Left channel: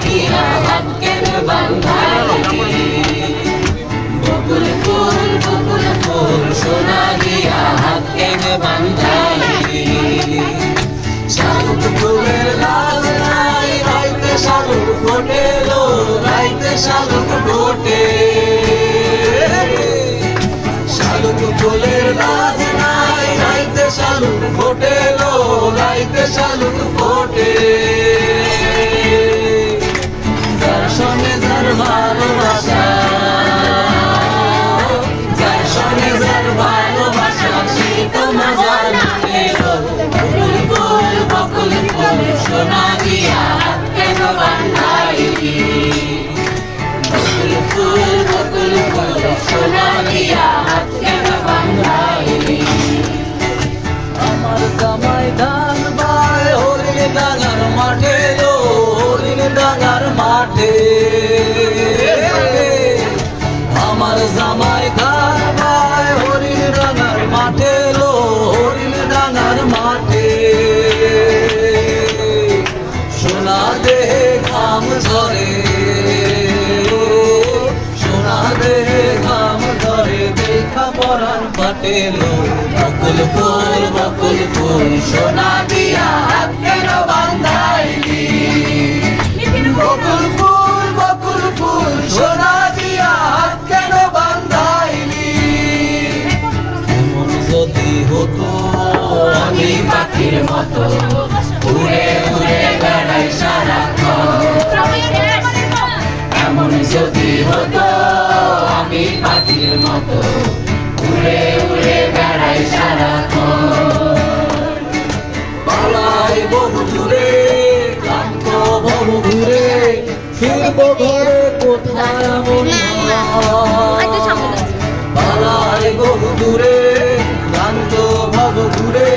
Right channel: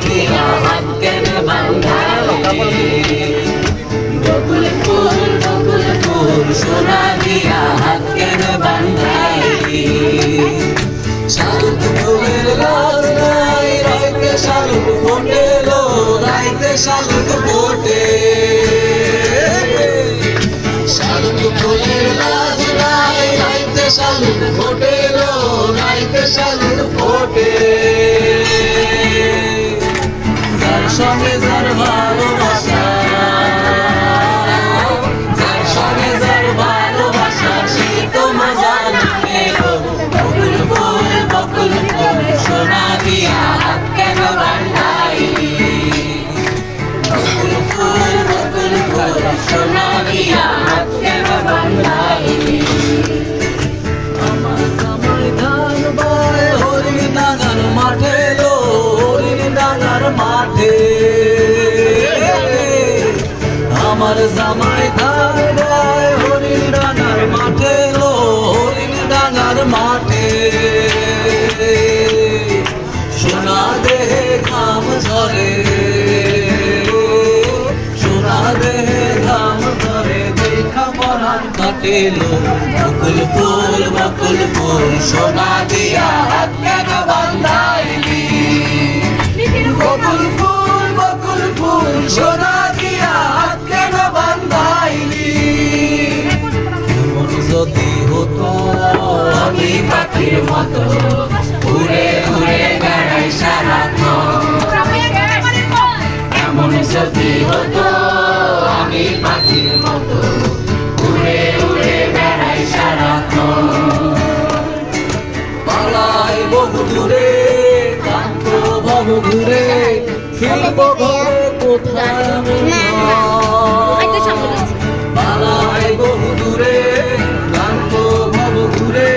দিয়া হাত কেন বান্ধাইলি বকুল ফুল সোনা দিয়া হাত কেন বান্ধাইলি শালুক ফুলের লাল নাই রাইতে শালুক ফোটে লো রাইতে শালুক ফোটে শালুক ফুলের লাল নাই রাইতে শালুক ফোটে লো রাইতে শালুক ফোটে যার সঙ্গে যার ভালোবাসা যার সঙ্গে যার ভালোবাসা সেই তো মজা নিতে বকুল ফুল সোনা দিয়া হাত কেন বান্ধাইলি বকুল ফুল সোনা দিয়া হাত কেন বান্ধাইলি আমার জামাই ধান বাই হরিণ ডাঙার মাঠে লো হরিণ ডাঙার মাঠে আমার জামাই ধান বাই হরিণ ডাঙার মাঠে লো হরিণ ডাঙার মাঠে সোনা দেহে ঘাম ঝরে সোনা দেহে ঘাম ঝরে দেখা পরাণ কাটেলো বকুল ফুল সোনা দিয়া হাত কেন বান্ধাইলি বকুল ফুল সোনা দিয়া হাত কেন বান্ধাইলি এমন যদি হতো আমি পাখির মতো উড়ে উড়ে বেড়াই সারাক্ষণ এমন যদি হতো আমি পাখির মতো উড়ে উড়ে বেড়াই সারাক্ষণ পালাই বহু দূরে ক্লান্ত বহু ঘুরে ফিরব ঘরে কোথায় পালাই বহু দূরে ক্লান্ত বহু ঘুরে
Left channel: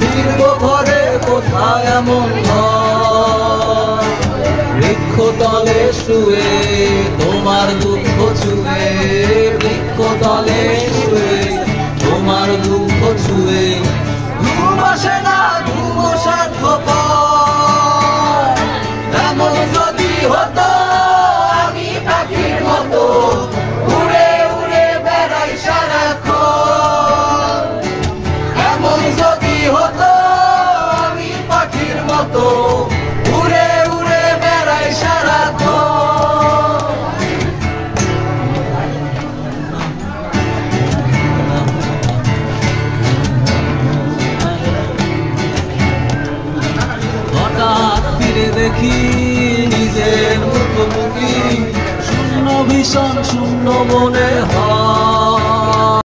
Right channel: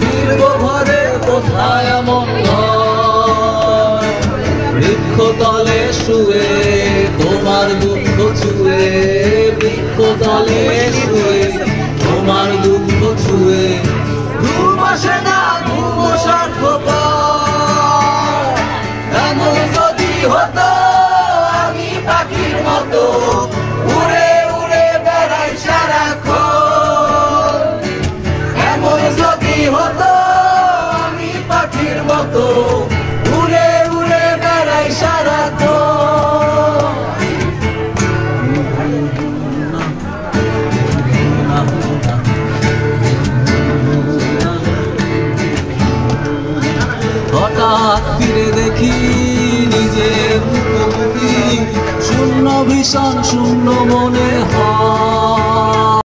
ফিরব ঘরে কোথায় এমন বৃক্ষ তলে শুয়ে তোমার দুঃখ ছুঁয়ে বৃক্ষ তলে শুয়ে তোমার দুঃখ ছুঁয়ে ঘুম আসে না ঘুম সার্থক এমন যদি হতো আমি পাখির মতো উড়ে উড়ে বেড়াই সারাক্ষণ এমন যদি হতো আমি পাখির মতো উড়ে উড়ে বেড়াই সারাক্ষণ হঠাৎ ফিরে দেখি নিজের মুখোমুখি শূন্য ভীষণ শূন্য মনে হয়